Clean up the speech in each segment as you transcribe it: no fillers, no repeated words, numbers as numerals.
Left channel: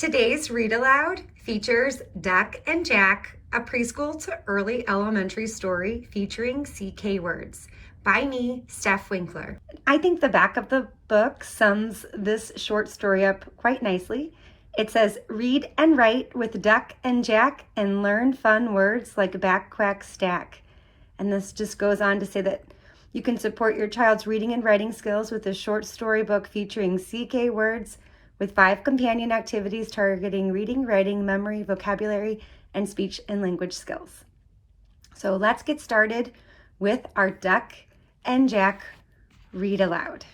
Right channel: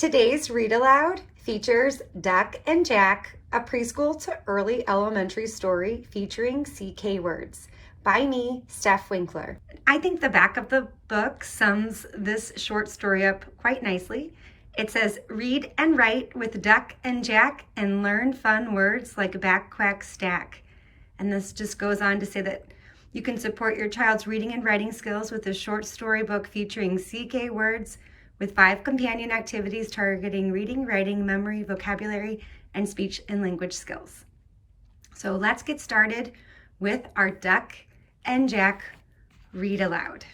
Today's Read Aloud features Duck and Jack, a preschool to early elementary story featuring CK words by me, Steph Winkler. I think the back of the book sums this short story up quite nicely. It says, read and write with Duck and Jack and learn fun words like back, quack, stack. And this just goes on to say that you can support your child's reading and writing skills with a short story book featuring CK words with 5 companion activities targeting reading, writing, memory, vocabulary, and speech and language skills. So let's get started with our Duck and Jack read aloud.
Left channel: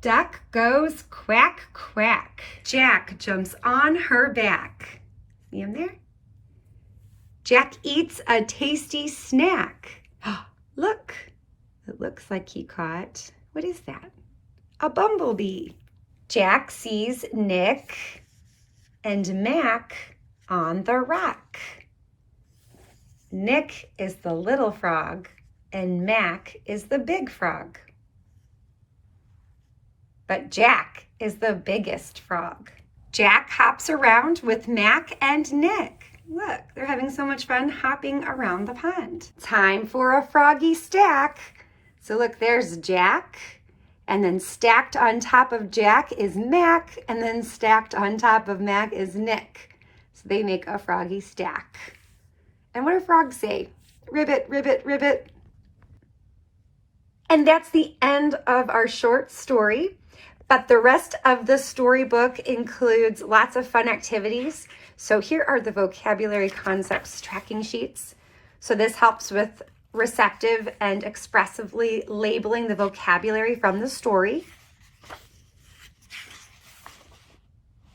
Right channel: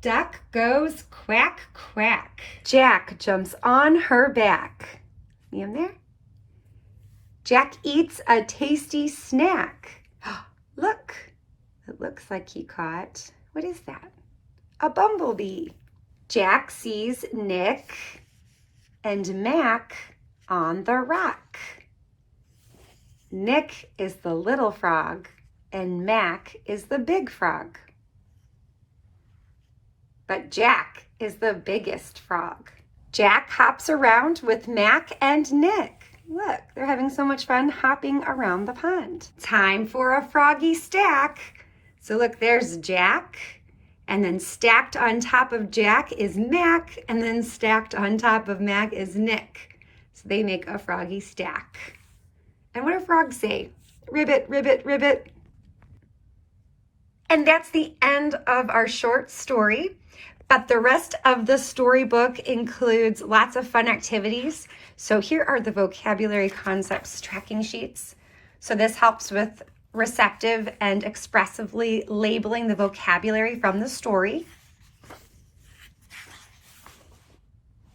Duck goes quack, quack. Jack jumps on her back. See him there? Jack eats a tasty snack. Look, it looks like he caught, what is that? A bumblebee. Jack sees Nick and Mac on the rock. Nick is the little frog and Mac is the big frog. But Jack is the biggest frog. Jack hops around with Mac and Nick. Look, they're having so much fun hopping around the pond. Time for a froggy stack. So look, there's Jack, and then stacked on top of Jack is Mac, and then stacked on top of Mac is Nick. So they make a froggy stack. And what do frogs say? Ribbit, ribbit, ribbit. And that's the end of our short story. But the rest of the storybook includes lots of fun activities. So here are the vocabulary concepts tracking sheets. So this helps with receptive and expressively labeling the vocabulary from the story.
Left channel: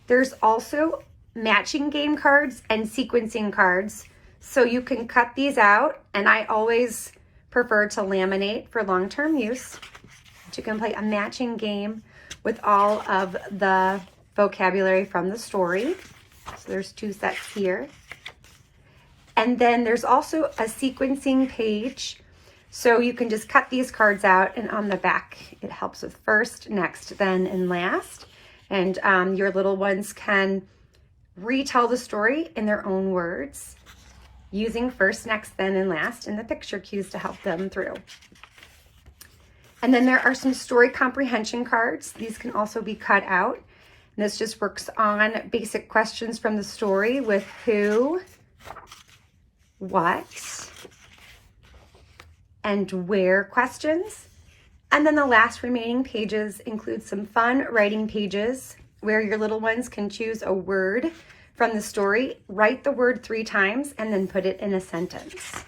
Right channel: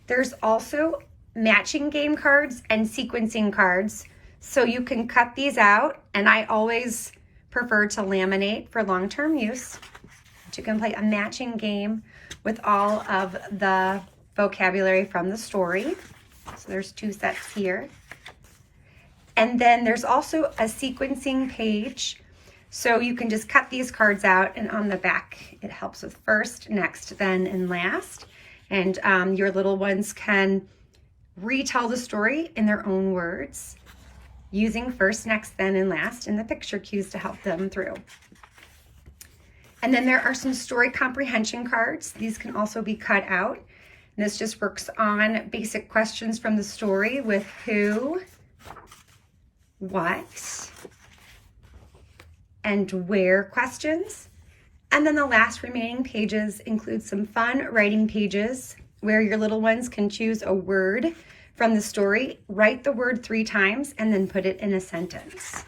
There's also matching game cards and sequencing cards. So you can cut these out, and I always prefer to laminate for long-term use. You can play a matching game with all of the vocabulary from the story. So there's 2 sets here. And then there's also a sequencing page. So you can just cut these cards out, and on the back, it helps with first, next, then, and last. And your little ones can retell the story in their own words using first, next, then, and last in the picture cues to help them through. And then there are some story comprehension cards. These can also be cut out. And this just works on basic questions from the story with who, what, and where questions. And then the last remaining pages include some fun writing pages where your little ones can choose a word from the story, write the word 3 times, and then put it in a sentence.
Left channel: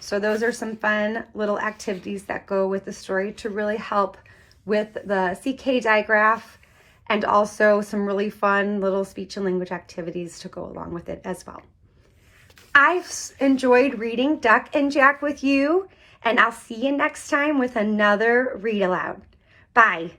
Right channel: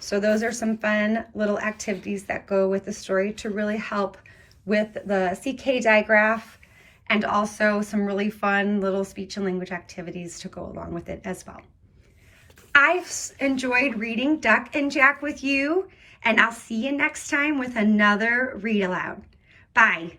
So those are some fun little activities that go with the story to really help with the CK digraph, and also some really fun little speech and language activities to go along with it as well. I've enjoyed reading Duck and Jack with you, and I'll see you next time with another Read Aloud. Bye.